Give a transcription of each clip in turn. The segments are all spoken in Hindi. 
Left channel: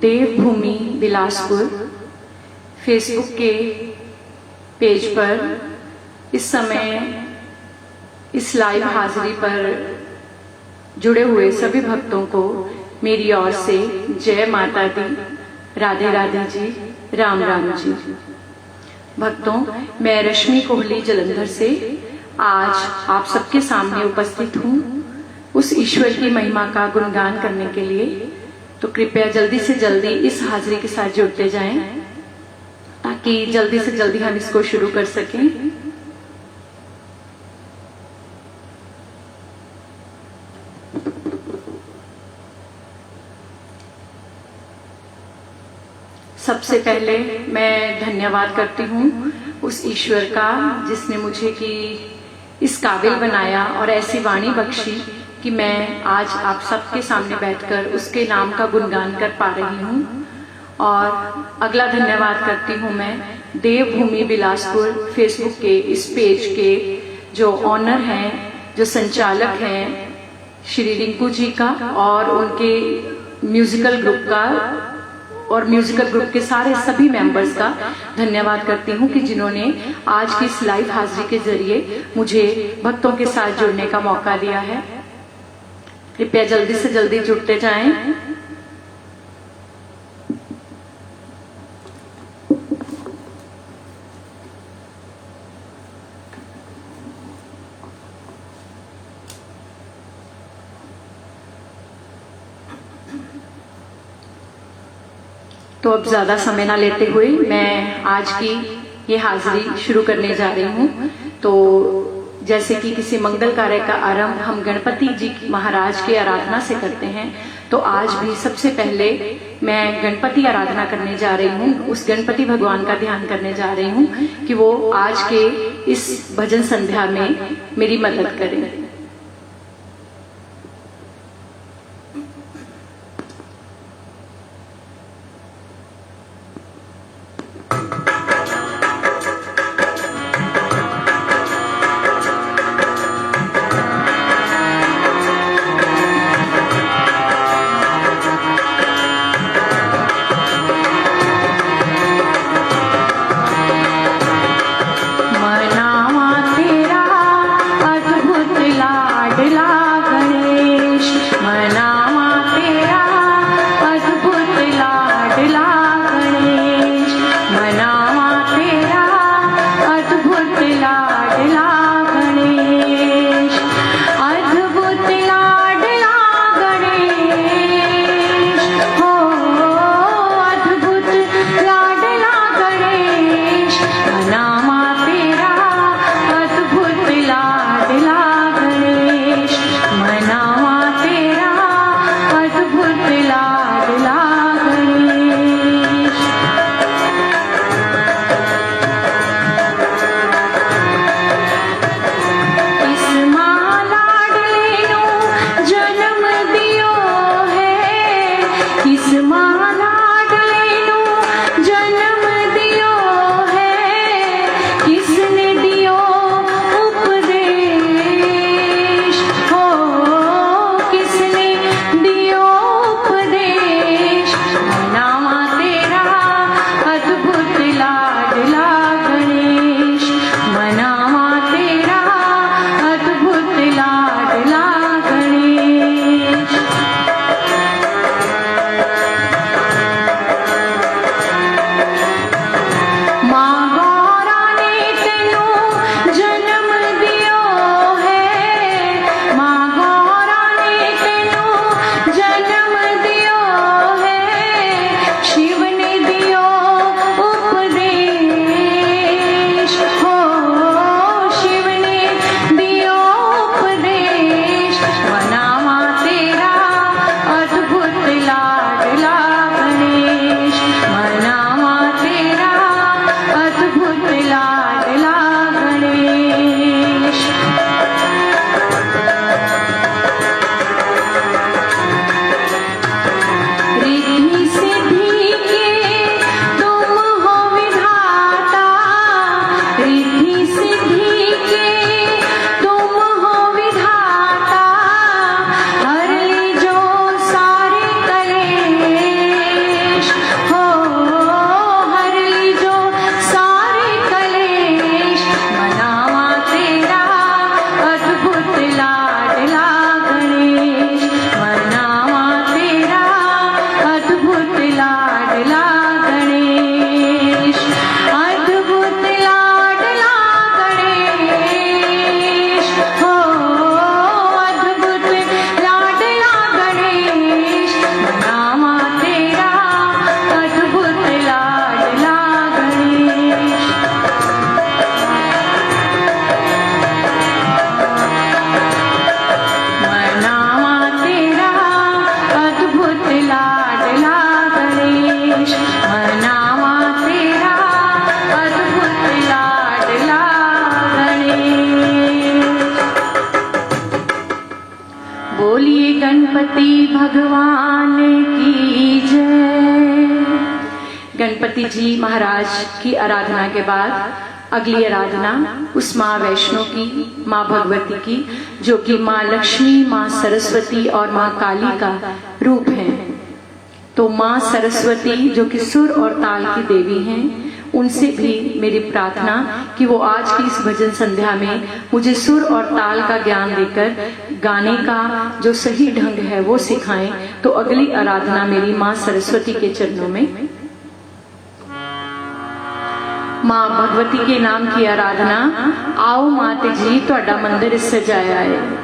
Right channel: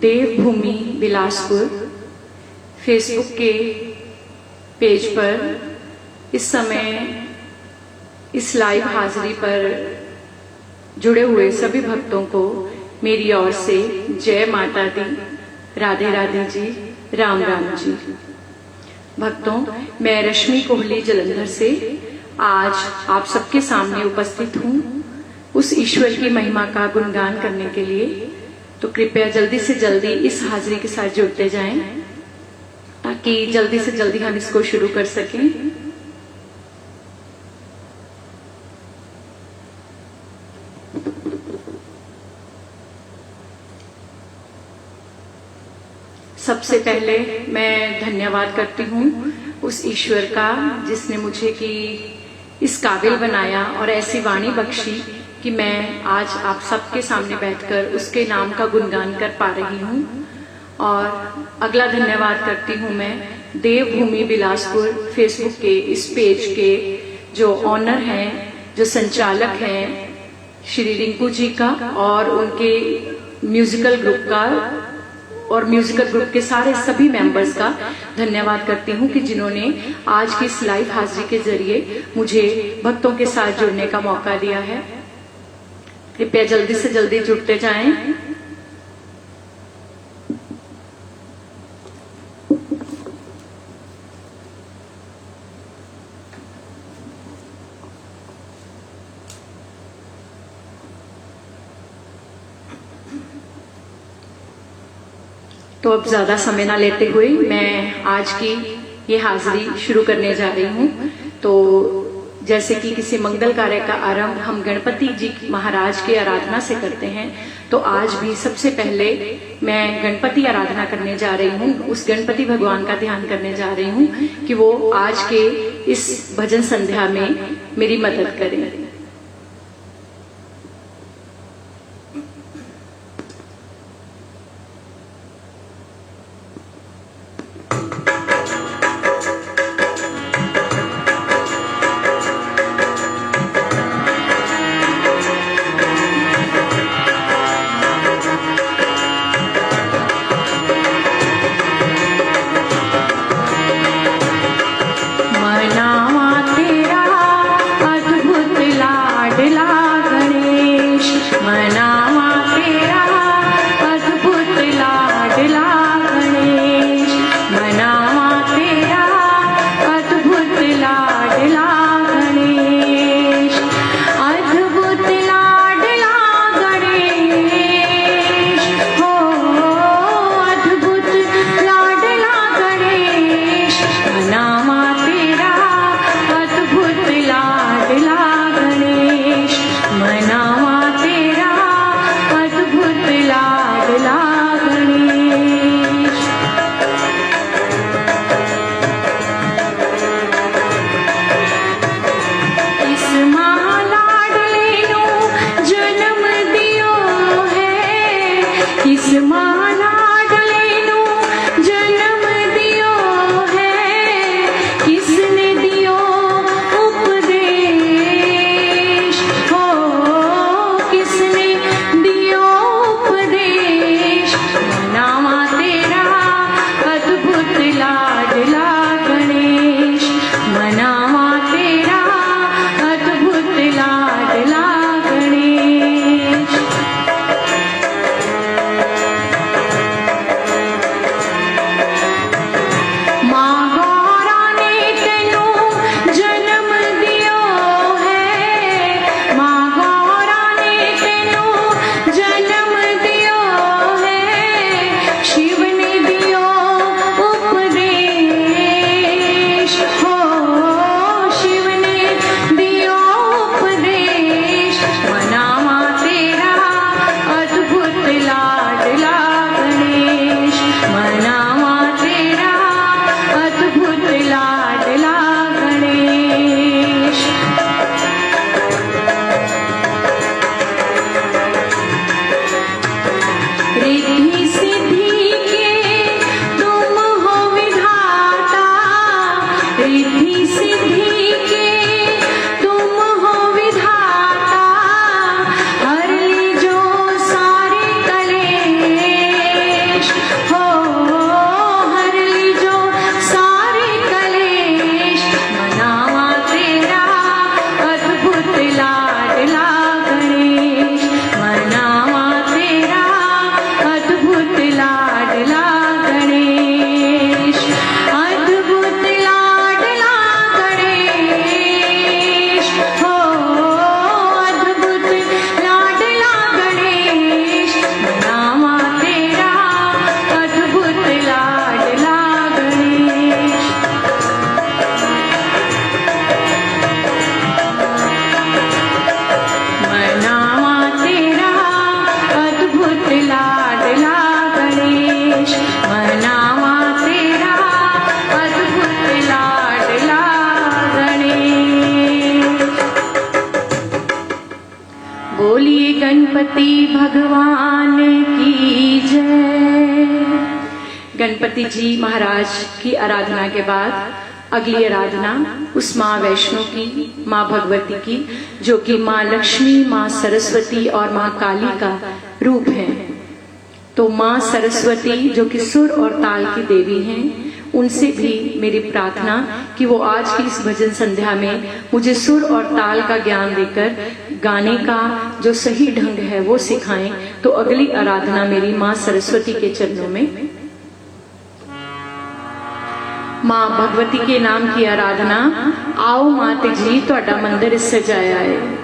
देवभूमि बिलासपुर फेसबुक के पेज पर इस समय इस लाइव हाजिरी पर जुड़े हुए सभी भक्तों को मेरी ओर से जय माता दी, राधे राधे जी, राम राम जी। भक्तों, मैं रश्मि कोहली जलंधर से आज आप सबके सामने उपस्थित हूँ उस ईश्वर की महिमा का गुणगान करने के लिए। तो कृपया जल्दी से जल्दी इस हाजिरी के साथ जुड़ते जाएं ताकि जल्दी से जल्दी हम इसको शुरू कर सकें। सबसे पहले मैं धन्यवाद करती हूँ उस ईश्वर का जिसने मुझे कि इस काबिल बनाया और ऐसी वाणी बख्शी कि मैं आज आप सबके सामने बैठकर उसके नाम का गुणगान कर पा रही हूँ। और अगला धन्यवाद करती हूँ मैं देवभूमि बिलासपुर फेसबुक के इस पेज के जो ऑनर हैं, जो संचालक हैं, श्री रिंकू जी का और उनके म्यूजिकल ग्रुप का और म्यूजिकल ग्रुप के सारे सभी मेंबर्स का धन्यवाद करती हूँ कि जिन्होंने आज की इस लाइव हाजिरी के जरिए मुझे भक्तों के साथ जुड़ने का मौका दिया है। कृपया जल्दी से जल्दी जुड़ते जाएं। तो अब ज्यादा समय ना लेते हुए मैं आज की ये हाजिरी शुरू करने जा रही हूँ। तो जैसे कि किसी मंगल कार्य का आरंभ हम गणपति जी महाराज की आराधना से करते हैं, तो आज भी सबसे पहले मैं गणपति आराधना करने जा रही हूँ। उस गणपति भगवान का ध्यान करने जा रही हूँ कि वो आज के इस भजन संध्या में मेरी मदद करें। मनावा तेरा अद्भुत भगवान की जय। गणपति जी महाराज की आराधना के बाद अगली आराधना उस माँ वैष्णो की, माँ भगवती की, जो कि माँ लक्ष्मी, माँ सरस्वती और माँ काली का रूप है। तो माँ सरस्वती जो कि सुर और ताल की देवी हैं, उनसे भी मेरी प्रार्थना कि वो आज की इस भजन संध्या में मुझे सुर और ताल का ज्ञान देकर गाने का जो सही ढंग है वो सिखाएं। तो अगली आराधना मेरी माँ सरस्वती के चरणों में। माँ भगवती के नाम की आराधना। आओ मात जी तुहाडा मंदिर सजाया है।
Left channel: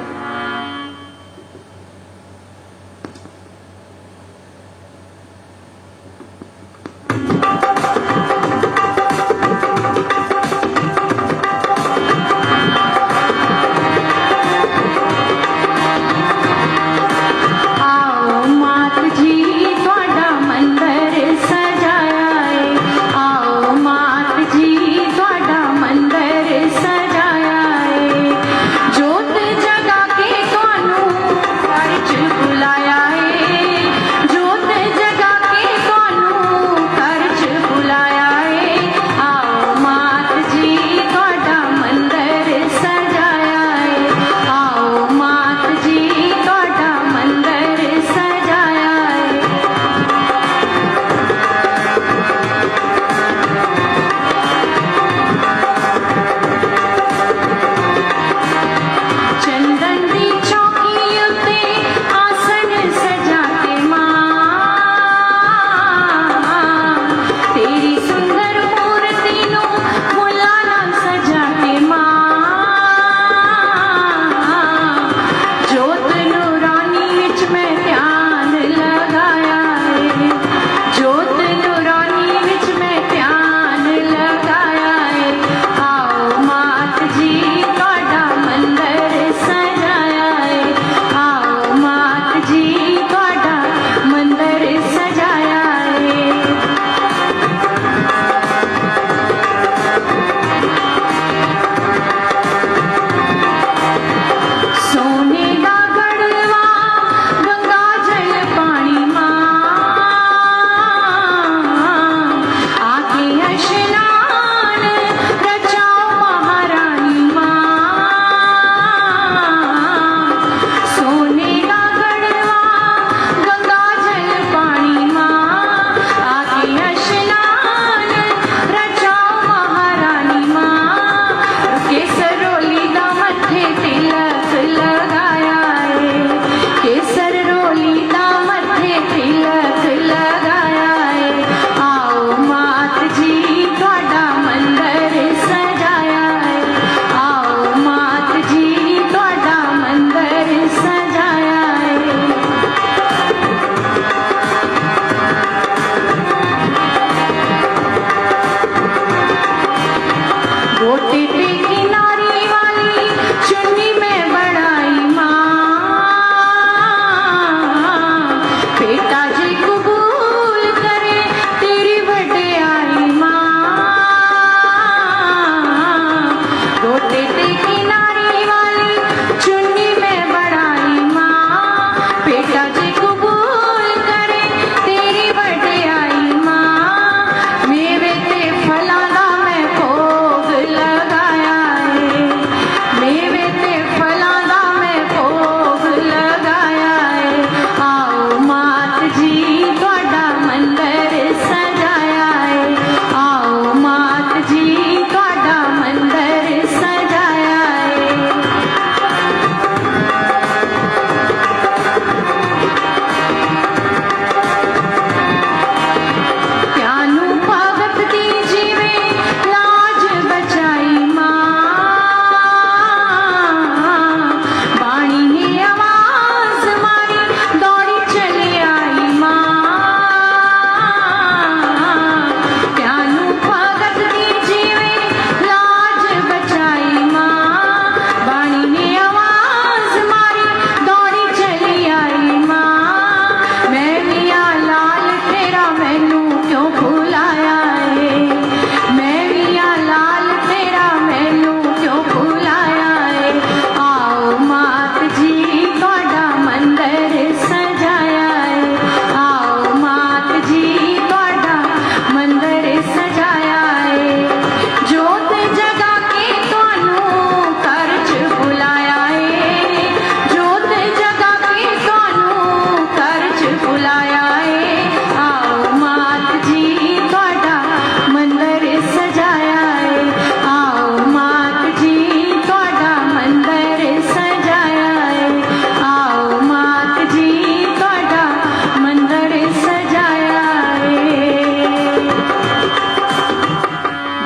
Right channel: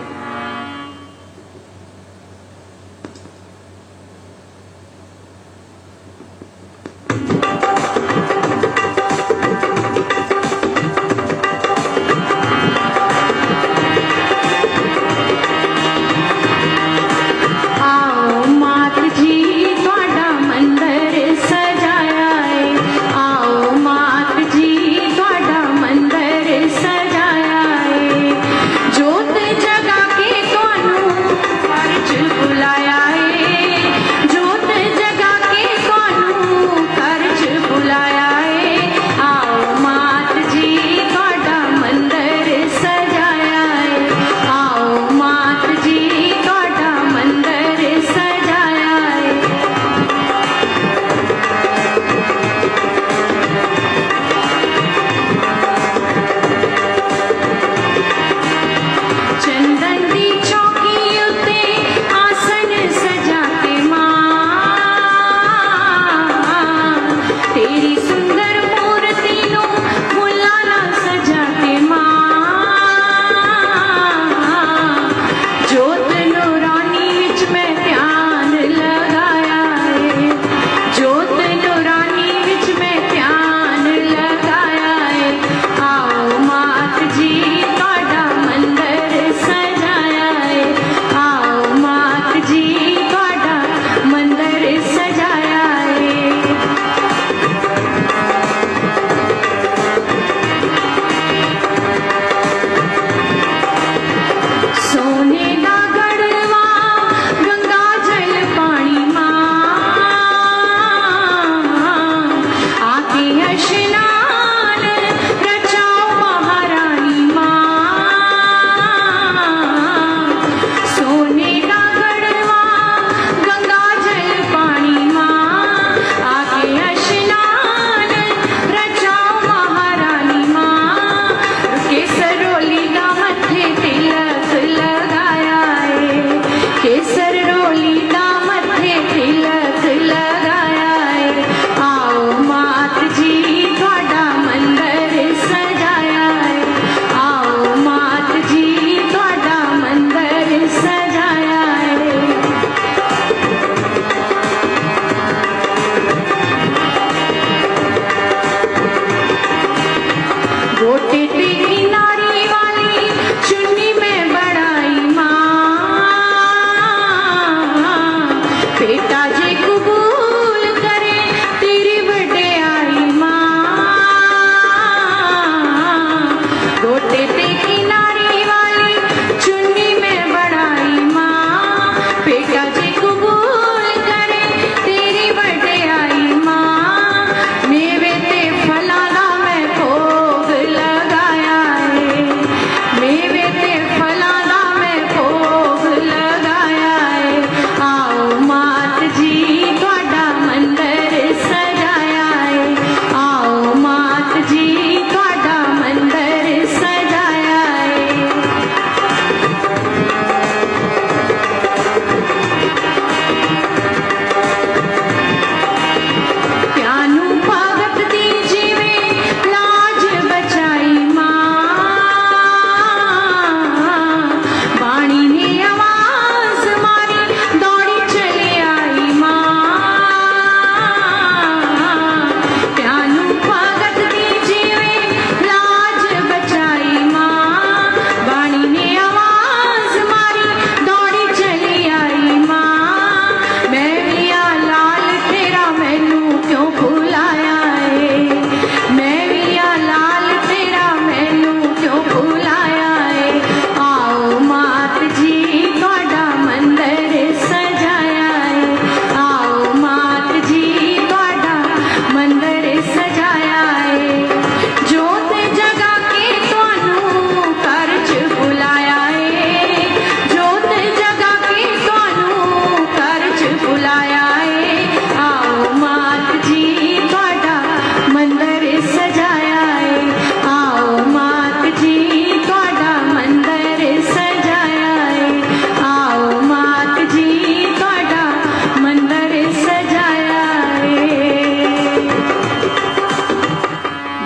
ज्योत जगा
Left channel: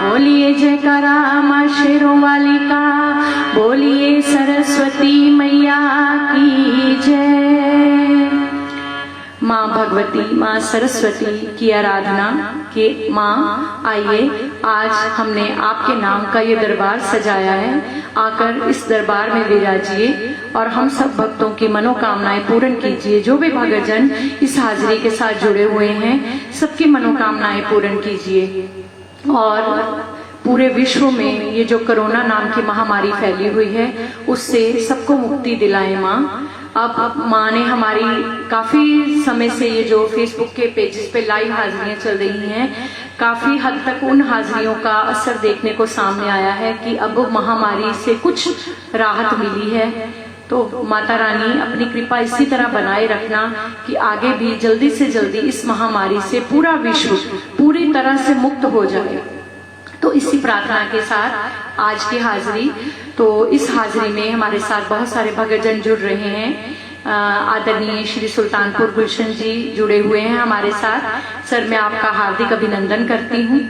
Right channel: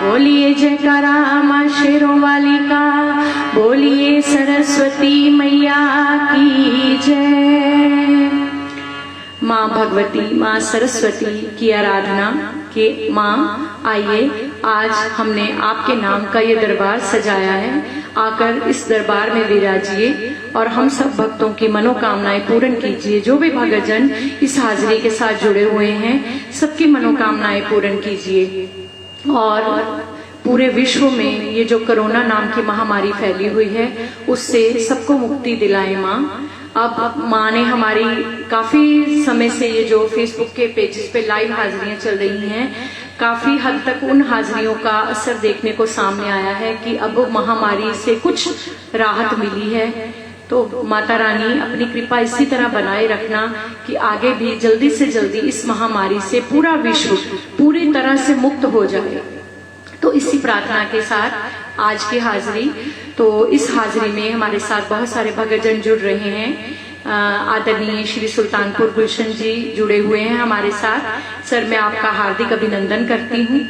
बोलिए जयकारा माँ शेरों वाली का, बोलिए सरस्वती मैया की जय। माँ भगवती, माँ सरस्वती की आराधना के माँ आइए, आज हमने आपके नाम का ये दरबार सजाया है, आकर इस दरबार में विराजिए और हम सब भक्तों की मनोकामनाएं पूर्ण कीजिए। जो भी भक्तजन इस हाजिरी के साथ जुड़े हुए हैं, सबकी मनोकामनाएं पूर्ण कीजिए। और पूरे विश्व में ये जो कोरोना नाम की महामारी फैली हुई है, उससे सबको मुक्ति दिलाए माँ। अब माँ ने हमारी काफी समय से ये जो फेसबुक के पेजेस पे लाइव हाजिरियां चल रही हैं, काफी हद तक उन हाजिरियों का असर देखने को सामने आया है कि अब महामारी से कुछ राहत मिली है। तो माता रानी अपनी कृपा इसी तरह बनाए रखना कि आगे भी जल्दी से जल्दी इस महामारी से पूरा विश्व पूरी तरह से मुक्त हो जाए। तो इसी प्रार्थना के साथ आज की हाजिरी, तो इस हाजिरी में हमारे साथ बहुत सारे भक्तजन जुड़ रहे हैं। आदरणीय श्री सुल्तानपुर गुलशन जी जुड़े हुए हैं हमारे साथ। सर, मैं आपका हार्दिक अभिनंदन करती हूँ।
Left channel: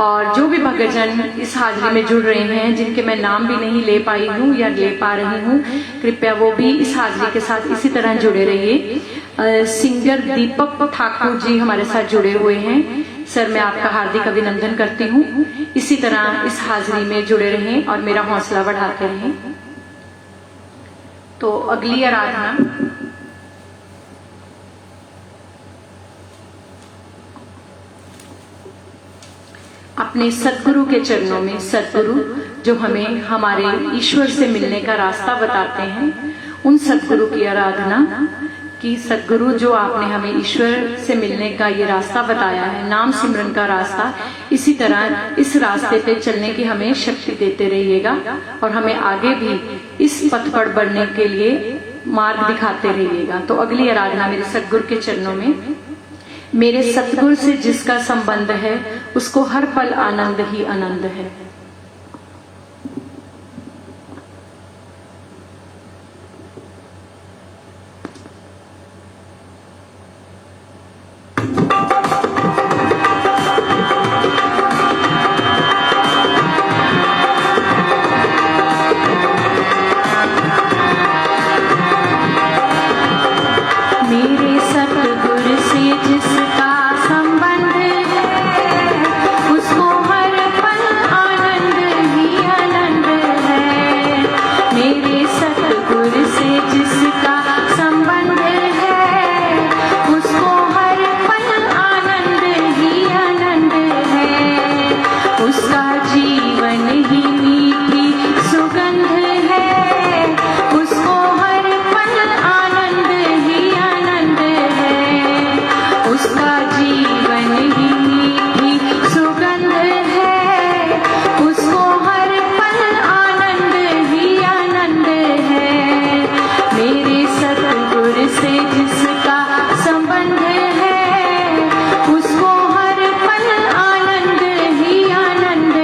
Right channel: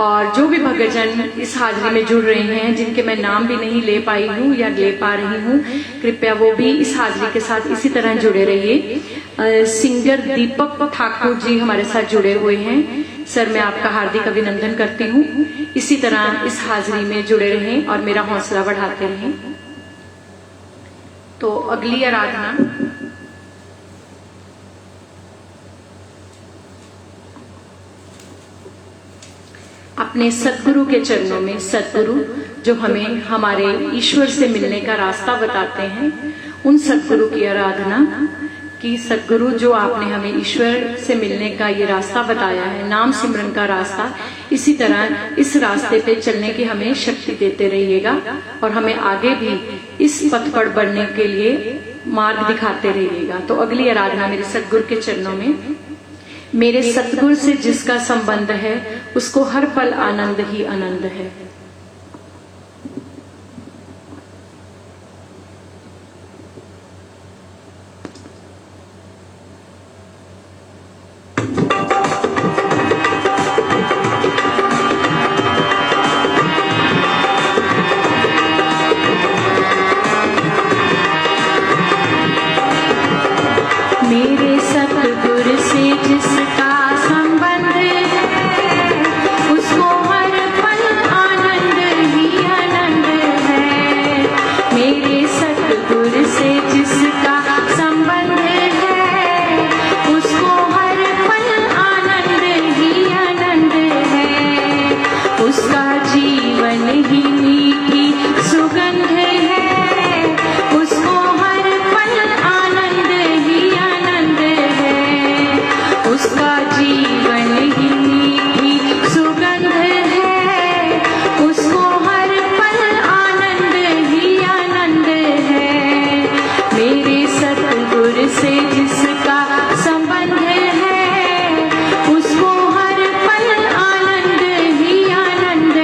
और जो भी भक्तजन इस हाजिरी में जुड़ रहे हैं, जिनके मैं नाम भी नहीं ले पाई हूँ या ले पा रही हूँ, कृपया वो भी इस हाजिरी के साथ इसी तरह जुड़े रहिए। सिंगर दीपक ठाकुर जी हमारे साथ जुड़े हुए हैं। सर, मैं आपका हार्दिक अभिनंदन करती हूँ। इसी तरह इस हाजिरी में जुड़े रहें और मेरा हौसला बढ़ाते रहें। तो अगली आराधना अपने सतगुरु के चरणों में, सतगुरु जो हमें हमारे ईश्वर से मिलने का रास्ता बताते हैं, उन सतगुरु की आराधना कि सतगुरु जो आपने हमें ईश्वर से मिलने का ये रास्ता बताया है, नाम सिमरन का रास्ता, इसी तरह इस रास्ते पे चलने की हमें शक्ति देते रहिएगा और हमें आगे भी इस पथ पर बढ़ने के लिए मार्ग दिखाते रहिएगा। तो अगली आराधना मेरे सतगुरु के चरणों में। मेरे सतगुरु से जिसका संबंध है, उसको हर पल आनंद ही आनंद है। मेरे सतगुरु से जिसका संबंध है, उसको हर पल आनंद ही आनंद है। मेरे सतगुरु से जिसका संबंध है, उसको हर पल आनंद ही आनंद है। उसका जीवन ही मीठी सुगंध है, उसको हर पल आनंद ही आनंद है। उसका जीवन ही मीठी सुगंध है, उसको हर पल आनंद ही आनंद है। मेरे सतगुरु से जिसका संबंध है, उसको हर पल आनंद ही आनंद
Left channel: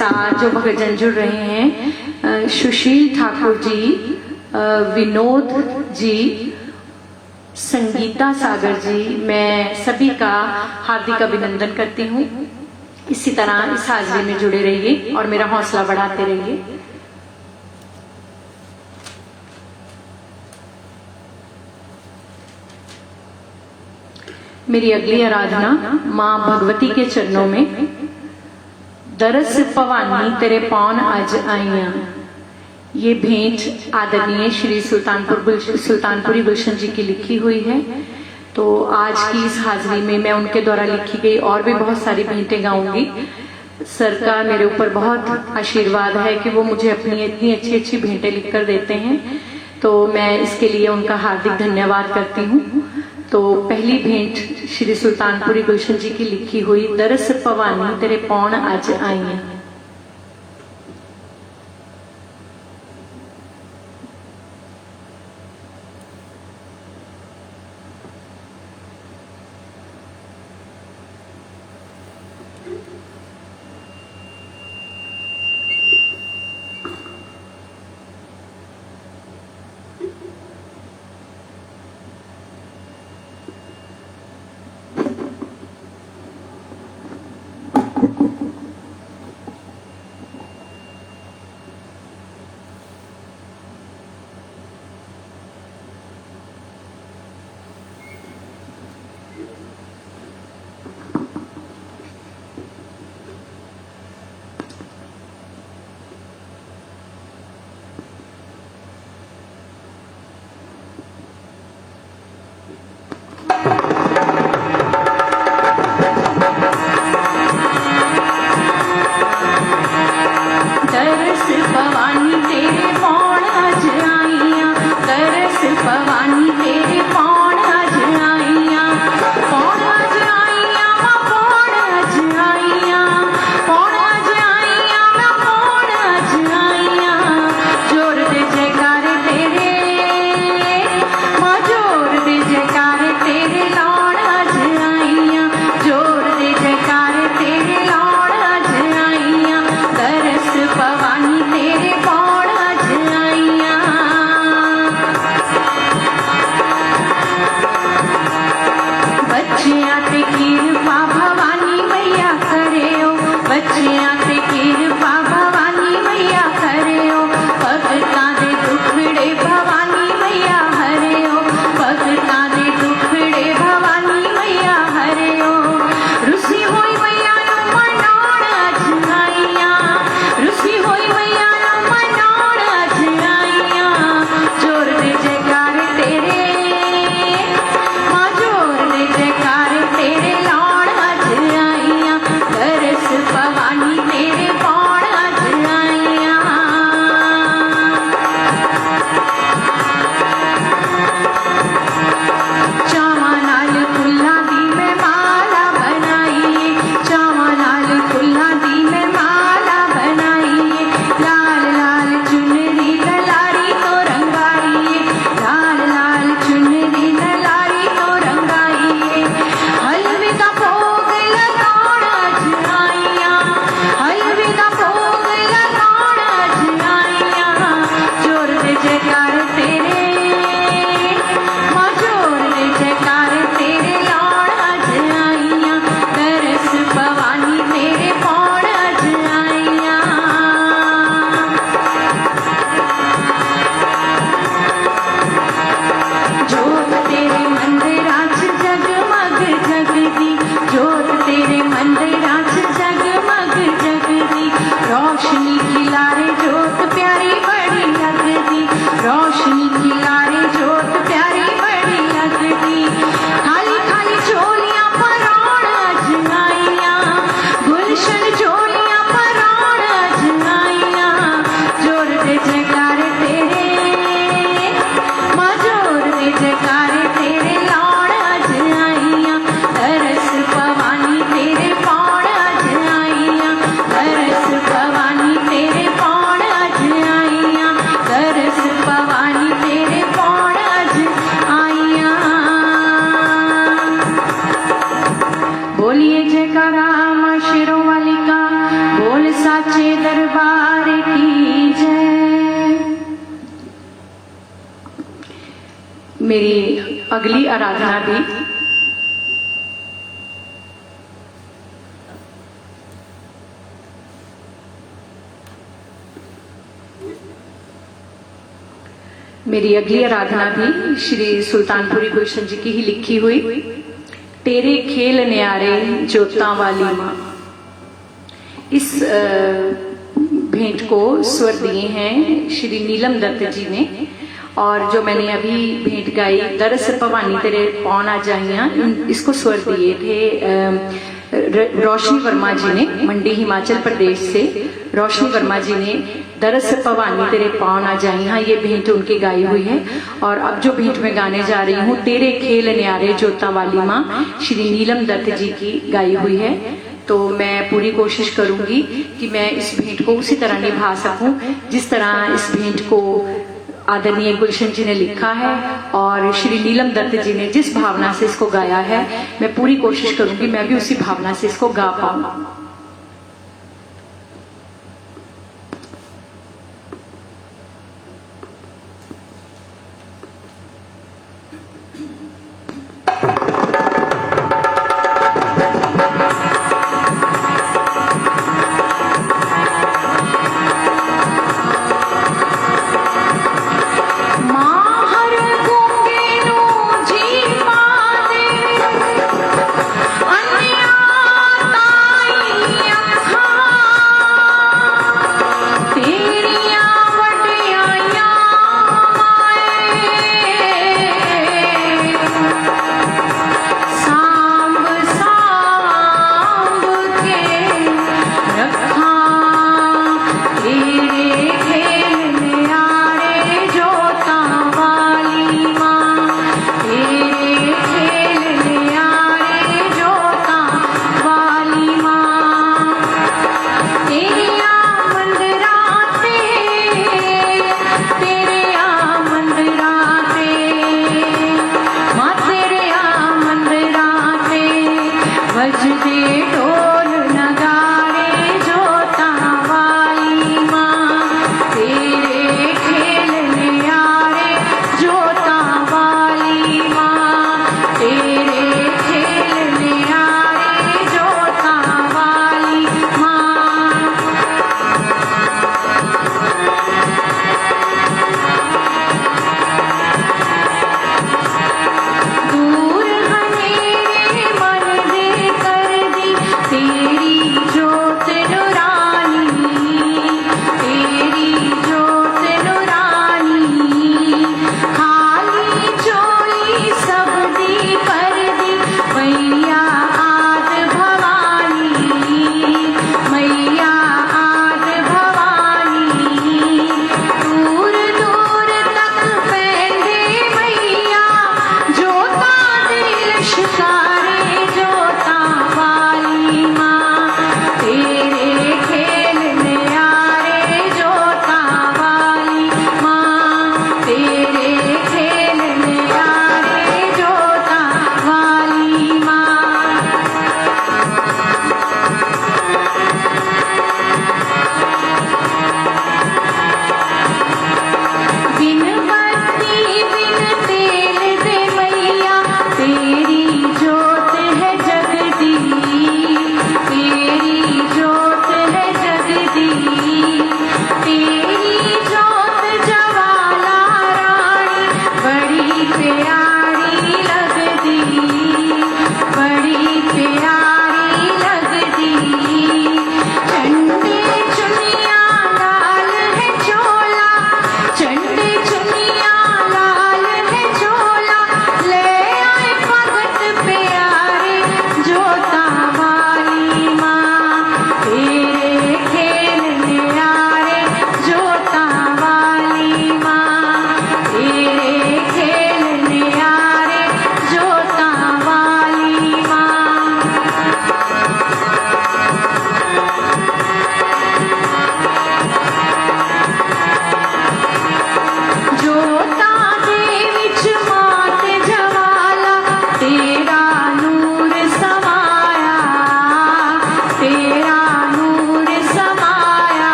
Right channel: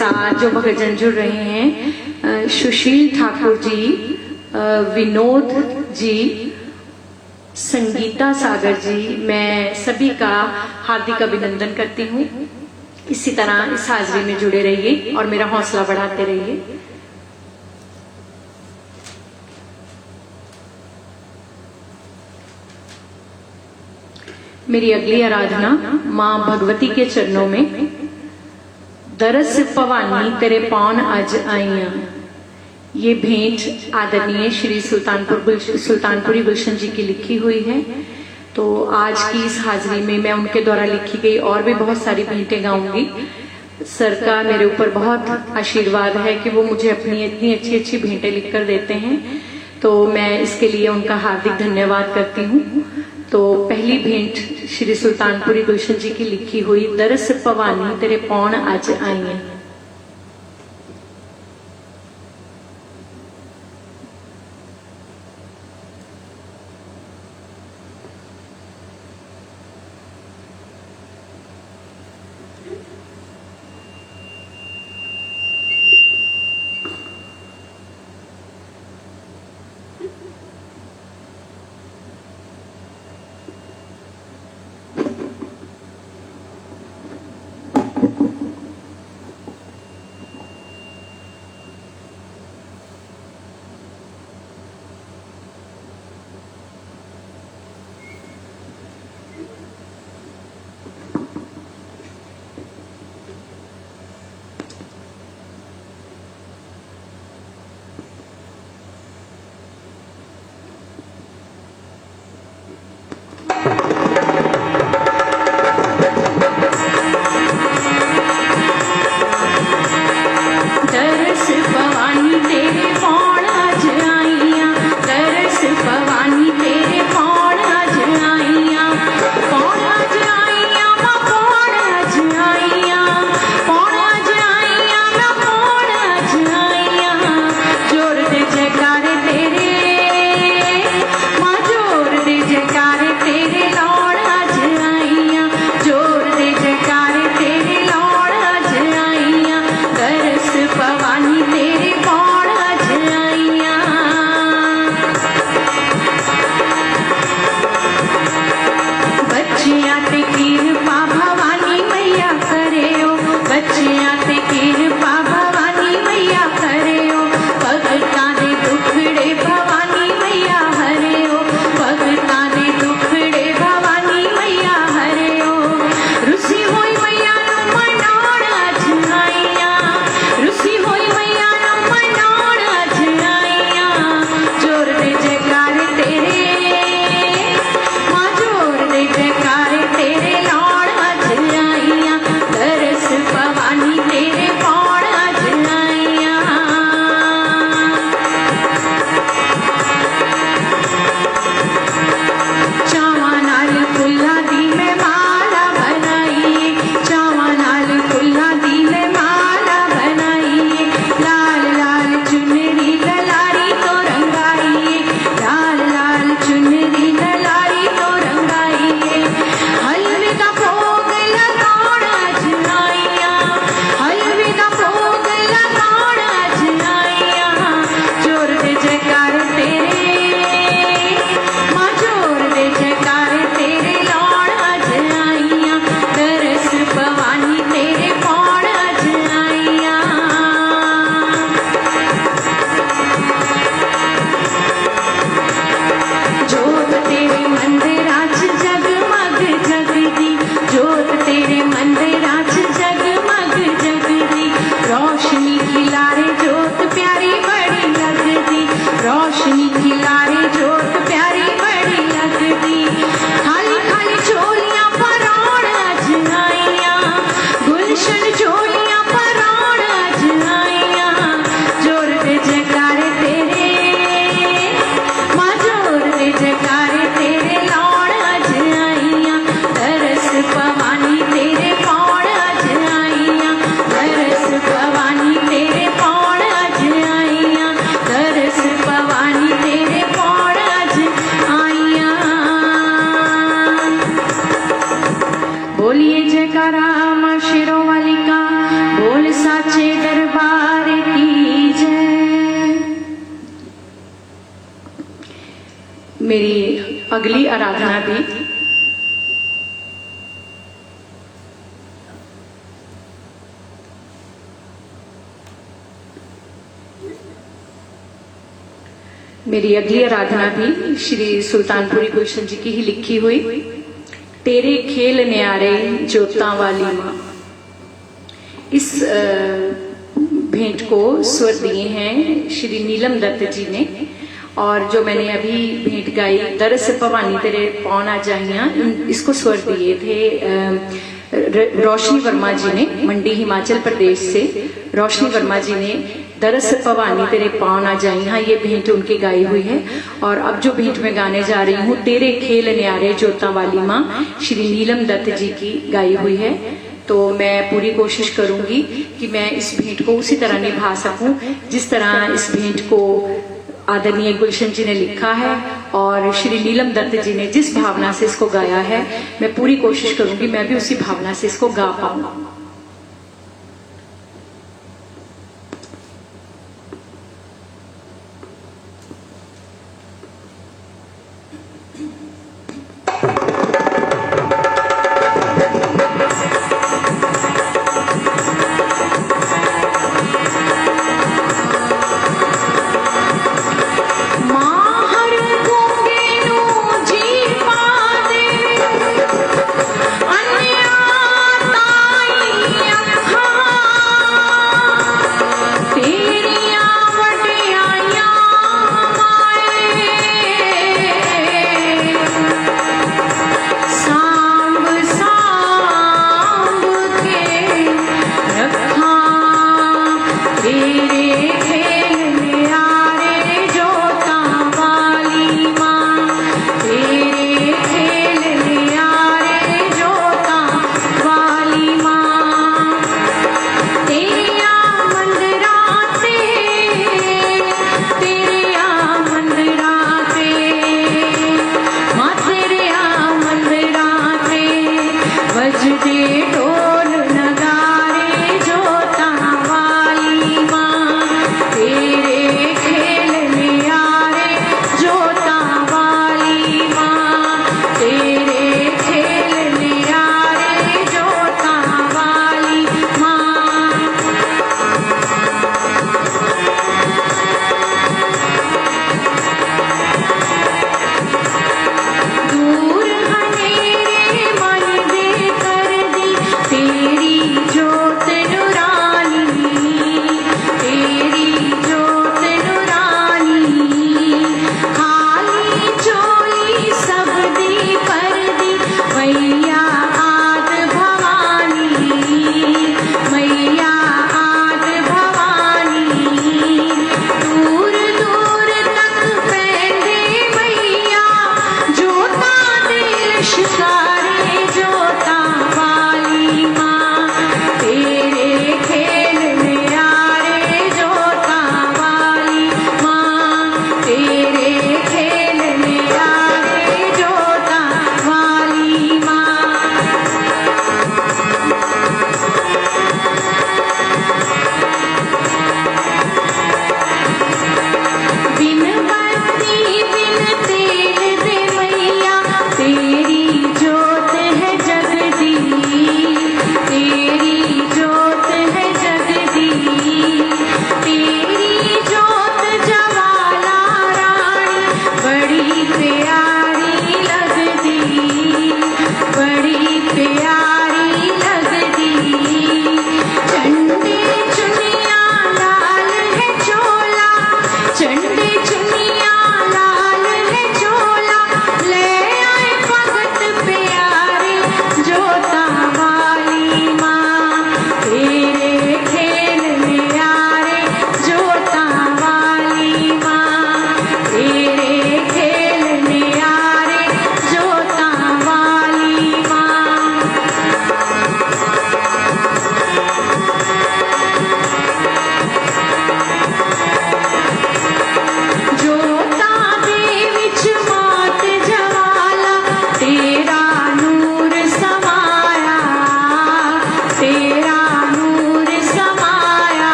साथ जो भक्तजन जुड़ रहे हैं, सुशील ठाकुर जी, विनोद जी, संगीता सागर जी, मैं सभी का हार्दिक अभिनंदन करती हूँ। इसी तरह इस हाजिरी में जुड़े रहिए और मेरा हौसला बढ़ाते रहिए। मेरी अगली आराधना मां भगवती के चरणों में। दरस भवानी तेरे पावन आज आईया, ये भेंट आदरणीय श्री सुल्तानपुरी गुलशन जी की लिखी हुई है। तो आज की इस हाजिरी में मैं उनके द्वारा लिखी गई और भी बहुत सारी भेंटें गाऊंगी। सर का मेरे ऊपर बहुत आशीर्वाद है कि वो मुझे अपनी इतनी अच्छी अच्छी भेंटें लिखकर देते हैं, तो मैं इसके लिए उनका हार्दिक धन्यवाद करती हूँ। तो पहली भेंट श्री सुल्तानपुरी गुलशन जी की लिखी हुई, दरस भवानी तेरे पावन आज आईया। मेरी अगली आराधना भी श्री सुल्तानपुरी गुलशन जी की ही लिखी हुई। तेरे खेल न्यारे जोता वाली माँ। इस भेंट को स्वर दिए हैं श्री नीलम दत्त जी ने, और जो मैंने अभी भेंट गाई दरअसल भवानी तेरे पौन आ जाइया, इसको स्वर दिए थे रोशनी वर्मा जी ने, मंडी हिमाचल प्रदेश से रोशनी वर्मा जी ने दरअसल भवानी तेरे पौन आ जाइया, ये भेंट उनकी गाई हुई है। और अब जो भेंट में गाने जा रही हूँ तेरे खेल न्यारे जोता वाली माँ, श्री नीलम दत्त जी की गाई हुई है। तो मैं पूरी कोशिश करूंगी कि मैं इस भेंट को उसी तरह निभा सकूं जिस तरह इस भेंट को आदरणीय गुलशन जी ने लिखा है और श्री नीलम दत्त जी ने जिस भावना से इसको गाया है, मैं पूरी कोशिश करूंगी मैं भी उसी भावना से इसको गा पाऊं।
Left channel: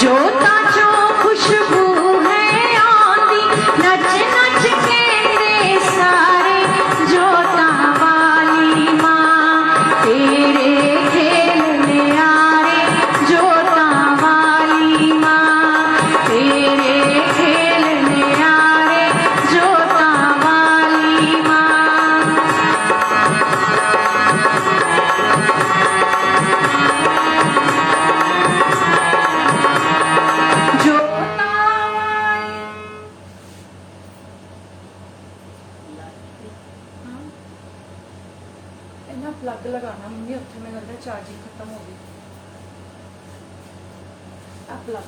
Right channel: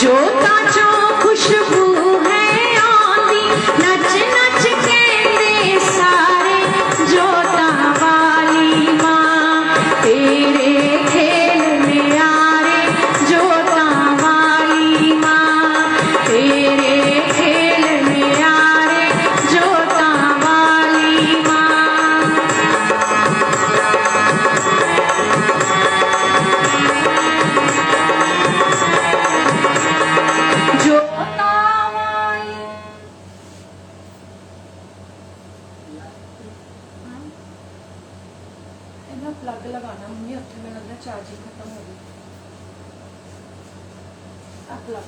जोता जो खुशबू है आंदी नच नच कहते सारे जोता वाली मां तेरे खेल न्यारे जोता वाली मां तेरे खेल न्यारे जोता वाली मां जोता वाली ਇਹਨਾਂ ਪਲੱਗ ਲਗਾਉਣਾ ਮੰਮੀ ਉੱਥੇ ਮੈਨੂੰ ਲੱਗਦਾ ਚਾਰਜਿੰਗ ਖਤਮ ਹੋ ਗਈ ਆ ਪਲੱਗ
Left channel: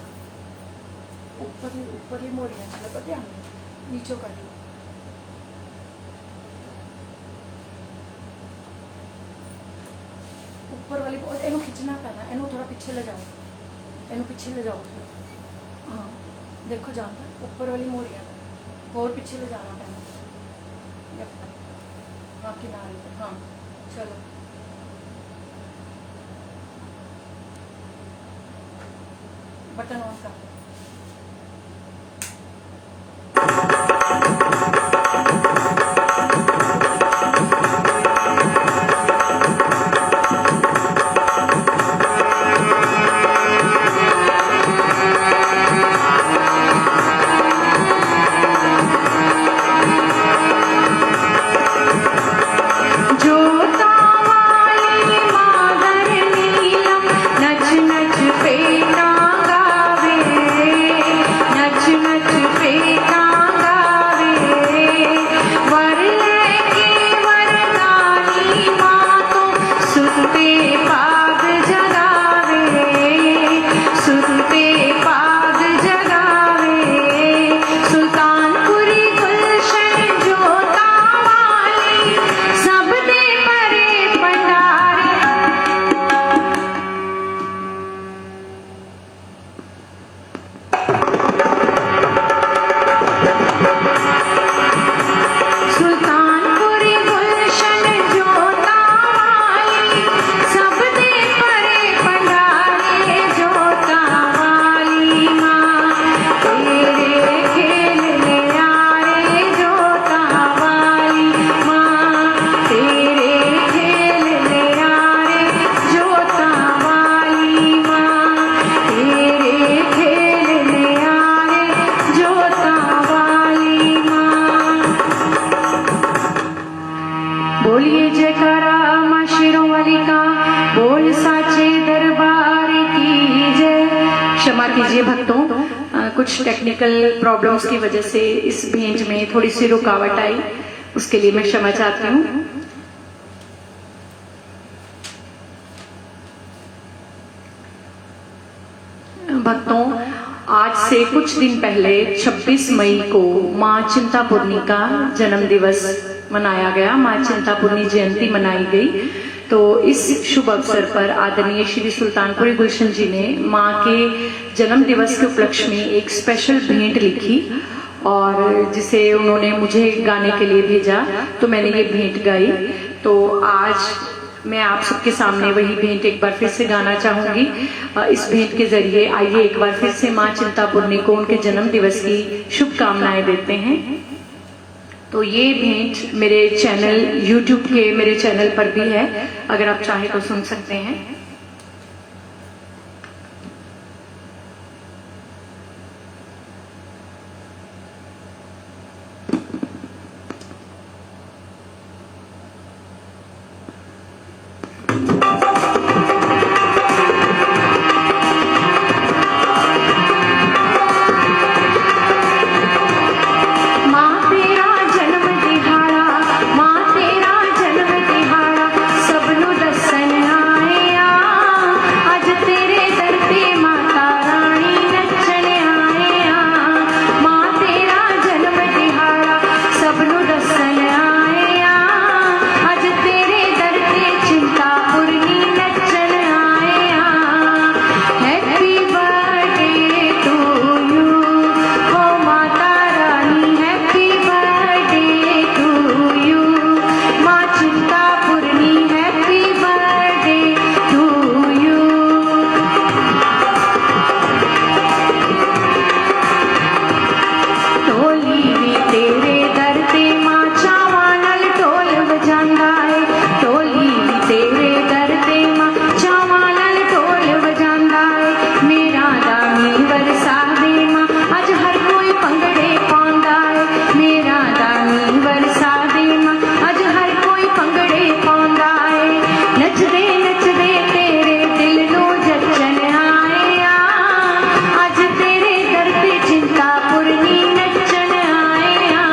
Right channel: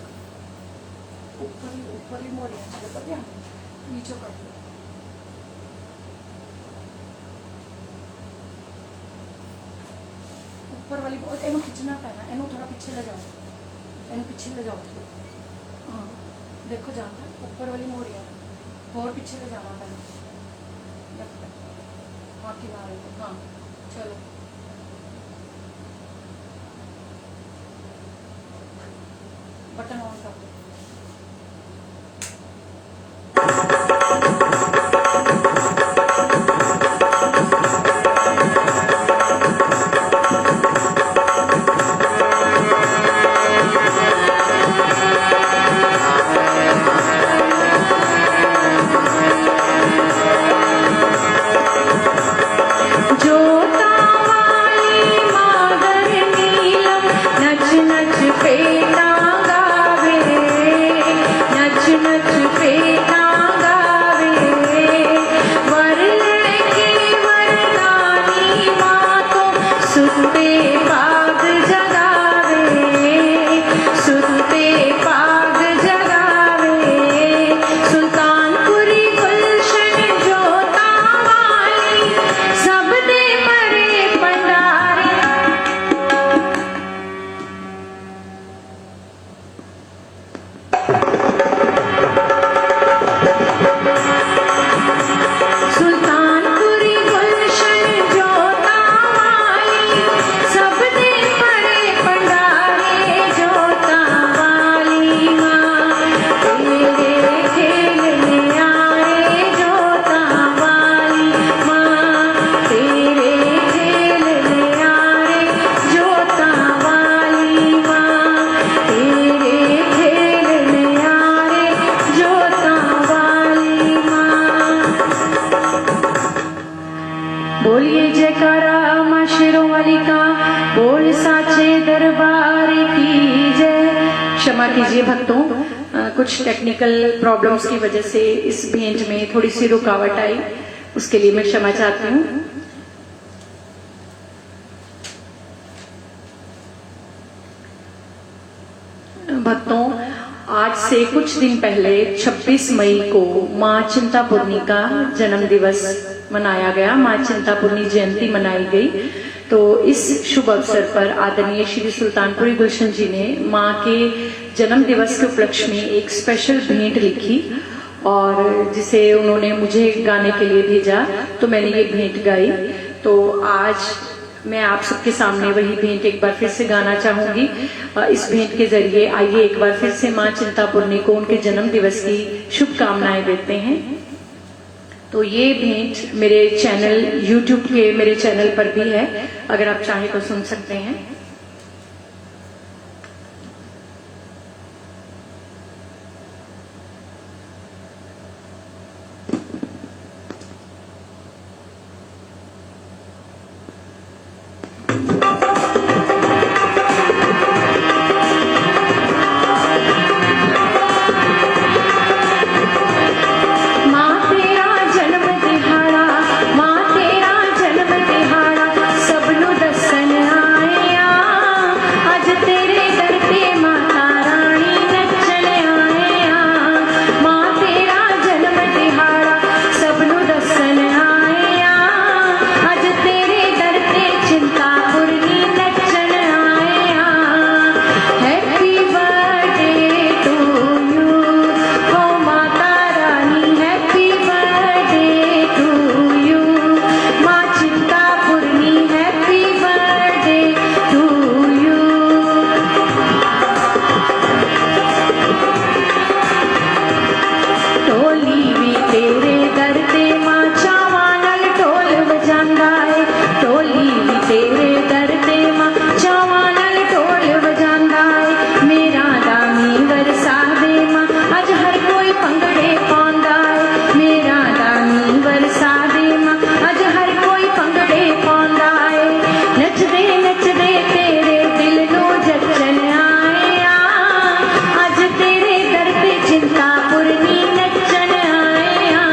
ਉੱਪਰਲੀ ਮੋੜੀਆਂ ਚ ਲਗਾ ਧਿਆਨ ਨੀਚੇ ਕਰ ਲਓ ਉੱਪਰ ਵਾਲੀ ਇਹਨੂੰ ਖਿੱਚਣਾ ਪੈਣਾ ਇਹਨੂੰ ਥੋੜਾ ਪਿੱਛੇ ਲੈ ਜਾਓ ਇਹਨੂੰ ਪਿੱਛੇ ਲੈ ਜਾਓ ਹਾਂ ਦੇਖੋ ਜਾਂਦਾ ਉੱਪਰ ਵਾਲੀ ਮੋੜੀਆਂ ਹੋਰ ਪਿੱਛੇ ਲੈ ਜਾਣਾ ਪੈਣਾ हाँ किनारे पे हाँ चलो बटन ऑन कर दो जोता वाली मागर नीलम नच नच पेटा गावे नच नच पेटा गावे वर लेके वरदानी माँ को सुते पाग जगावे सुते पाग जगावे सुल्तानपुरी गुलशन जोता वाली सब दे परे भंडारे सुल्तानपुरी गुलशन जोता वाली सब दे परे भंडारे जोता वाली माँ तेरे खेल न्यारे जोता वाली माँ तेरे खेल न्यारे जोता वाली माँ तेरे खेल न्यारे जोता वाली माँ बोलिए जयकारा मां शेरों वाली का बोल साचे दरबार की जय। क्षमा कीजिए भक्तों कुछ टेक्निकल प्रॉब्लम्स की वजह से इस भेंट में थोड़ी सी रुकावट आई उसके लिए मैं क्षमा चाहती हूँ। भक्तों आज से कुछ दिन पहले 26 मई को मां चिंतापूर्णी का जन्म दिवस मनाया गया, मां चिंतापूर्णी जयंती मनाई गई। तो इस शुभ अवसर पर आदरणीय श्री सुल्तानपुरी गुलशन जी ने मां के जन्म दिवस के उपलक्ष्य में एक स्पेशल भेंट लिखी और जिसे उन्होंने मुझे गाने के लिए भेजा तो मैंने ये भेंट गाई। तो आज मैं आप सबके सामने वही भेंट एक बार फिर से गाना चाहूंगी। इस भेंट के जरिए आइए एक बार फिर से मां चिंतापूर्णी को उनके जन्म दिवस की शुभकामनाएं देते हैं। तो ये भेंट मेरे चैनल YouTube के मेरे चैनल पर भी है, अगर आप चाहें तो सुन सकते हैं। मां तेरा जन्म दिहाड़ा सबनू दसन आया अज तेरे दर ते चिंतापुरनी नचन आए आ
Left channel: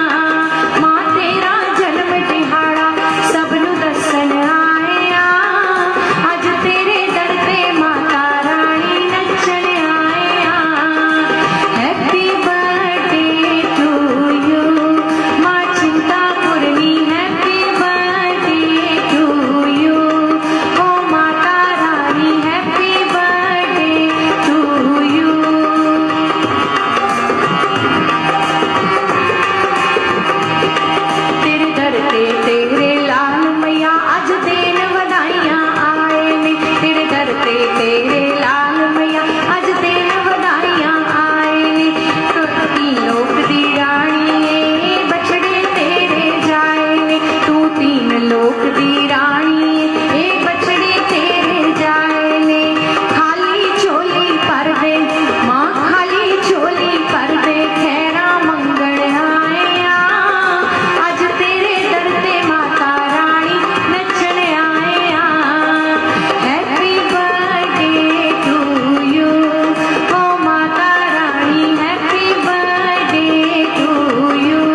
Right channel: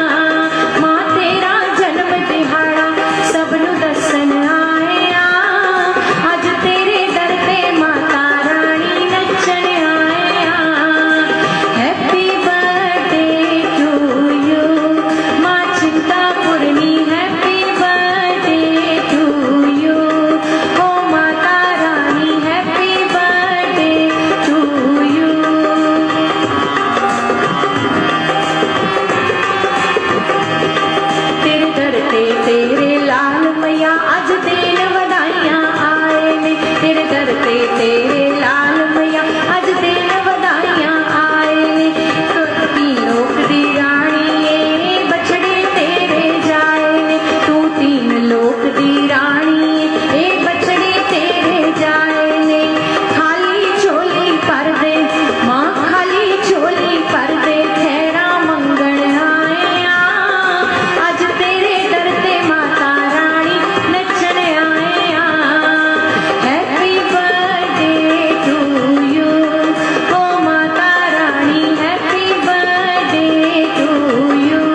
मां तेरा जन्म दिहाड़ा सब नू दसन आए आ अज तेरे दर ते माता रानी नचन आए आ हैप्पी बर्थडे टू यू मां Chintpurni happy birthday to you ओ Mata Rani happy birthday to you तेरे दर ते तेरे लाल मैया अज दिन वधाइयां आए ने तेरे दर ते तेरे लाल मैया अज दिन वधाइयां आए ने तू लोक दी रानी ए बछड़े तेरे जाए ने तू तीन लोक दी रानी ए बछड़े तेरे जाए ने खाली झोली कर दे मां खाली झोली कर दे खैरा मंगण आए आ अज तेरे दर ते माता रानी नचन आए आ हैप्पी बर्थडे टू यू ओ Mata Rani happy birthday to you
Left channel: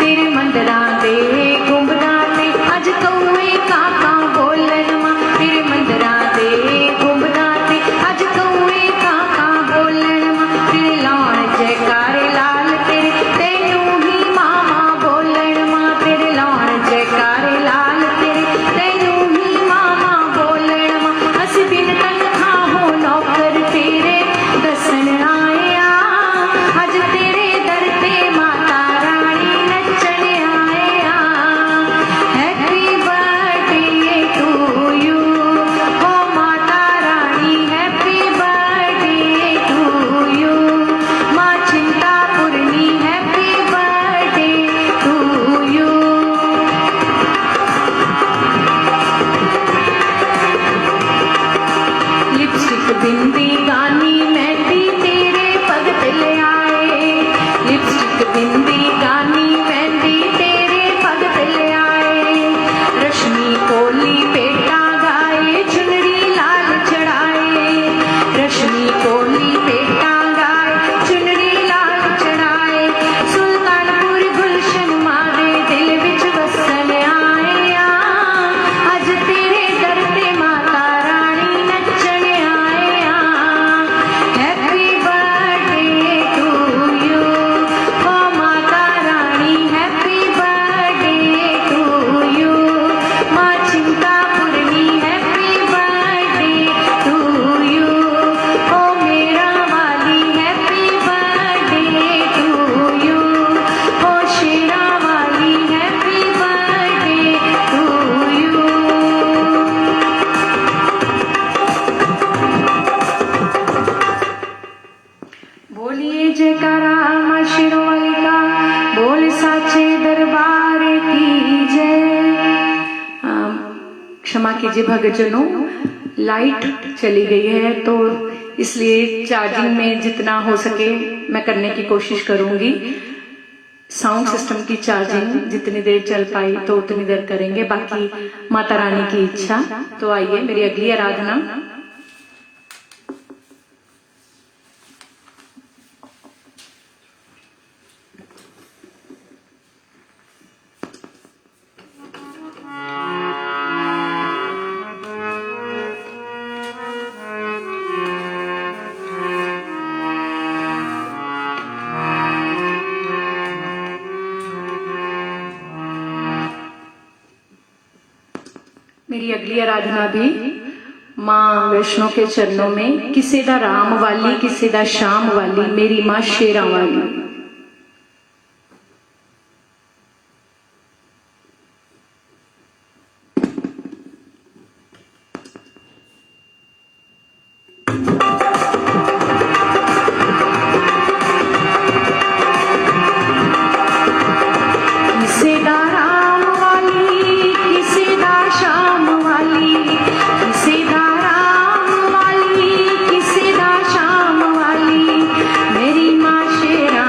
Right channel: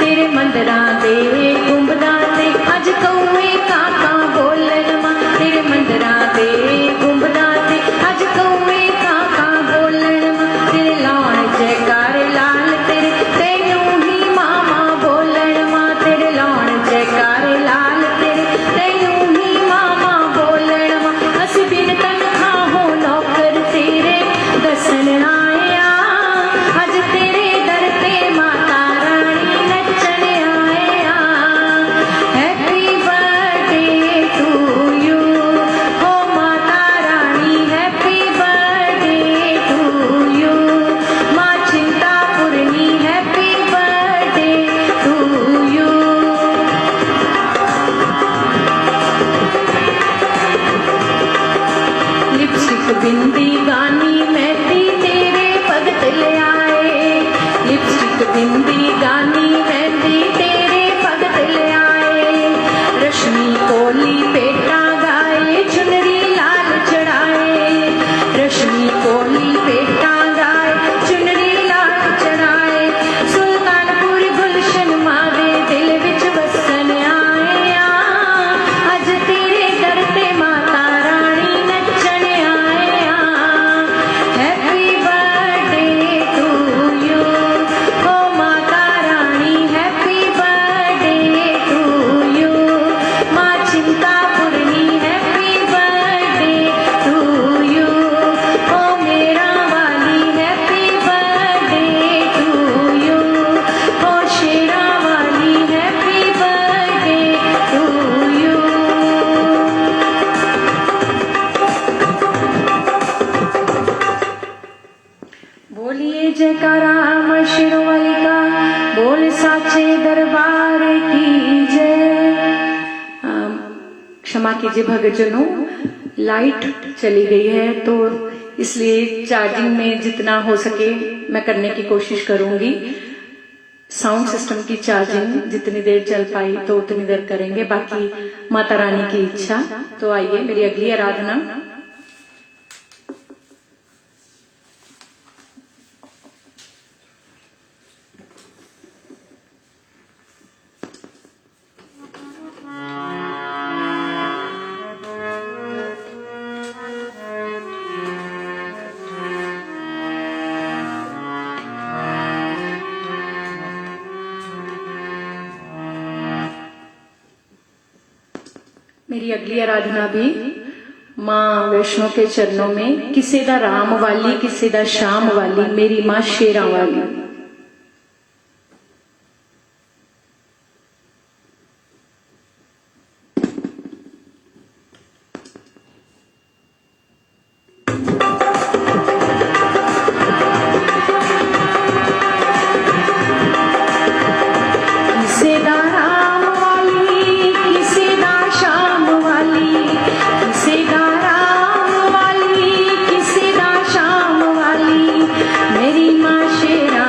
तेरे मंदरां दे गुंबदां ते अज कौए काका बोलन मां तेरे मंदरां दे गुंबदां ते अज कौए काका बोलन मां तेरे लाउण जयकारे लाल तेरे तैनू ही मामा बोलन मां तेरे लाउण जयकारे लाल तेरे तैनू ही मामा बोलन मां असीं बिन तनखाहों नौकर तेरे दसन आए आ अज तेरे दर ते माता रानी नचन आए आ हैप्पी बर्थडे टू यू ओ Mata Rani happy birthday to you मां Chintpurni happy birthday to you lipstick bindi गानी मेहंदी तेरे भगत ले आए लिपस्टिक बिंदी गानी मेहंदी तेरे भगत ले आए रश्मि कोली पेटा गाए चुनरी लाल चढ़ाए रश्मि कोली पेटा गाए चुनरी लाल चढ़ाए सुल्तानपुर गुलशन मावे दिल विच वसन आए आ अज तेरे दर ते माता रानी नचन आए आ हैप्पी बर्थडे टू यू ओ Mata Rani happy birthday to you मां Chintpurni happy birthday to you ओ मेरा वाली हैप्पी बर्थडे टू यू ओ शेरा वाली हैप्पी बर्थडे टू यू बोलिए जयकारा मां शेरों वाली का बोल साचे दरबार की जय क्षमा कीजिए भक्तजनों लाइट चली गई है तो इसलिए चार्जिंग में जितना हो सके मैं करने की कोशिश करूंगी साउंड सिस्टम की चार्जिंग जितनी देर चल पाई तो उतनी देर करेंगे बाकी माता रानी की इच्छा तो आइए मेरी अगली आराधना मेरी अगली आराधना भी मां वैष्णो के चरणों में किसी दा राम वाली किसी दा शाम वाली मेरी मां शेरा वाली किसी दा राम वाली किसी दा शाम वाली किसी दा राम वाली किसी दा शाम वाली मेरी मां शेरा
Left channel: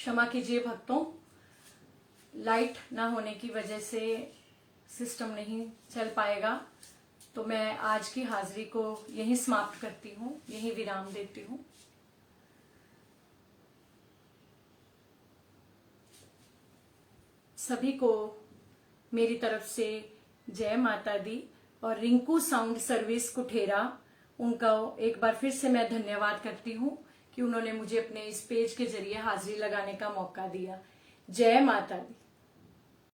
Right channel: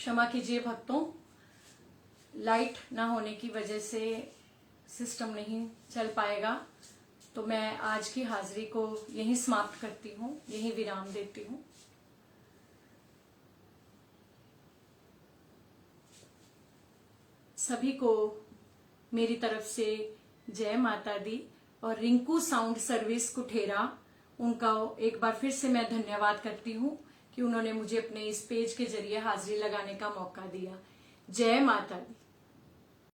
क्षमा कीजिए भक्तों, लाइट ना होने की वजह से सिस्टम नहीं चल पाएगा, तो मैं आज की हाजिरी को यहीं समाप्त करती हूँ, यहीं विराम देती हूँ। सभी को मेरी तरफ से जय माता दी, और रिंकू साउंड सर्विस कुठेरा, उनका एक बार फिर से मैं धन्यवाद करती हूँ कि उन्होंने मुझे अपने इस पेज के जरिए हाजिरी लगाने का मौका दिया। जय माता दी।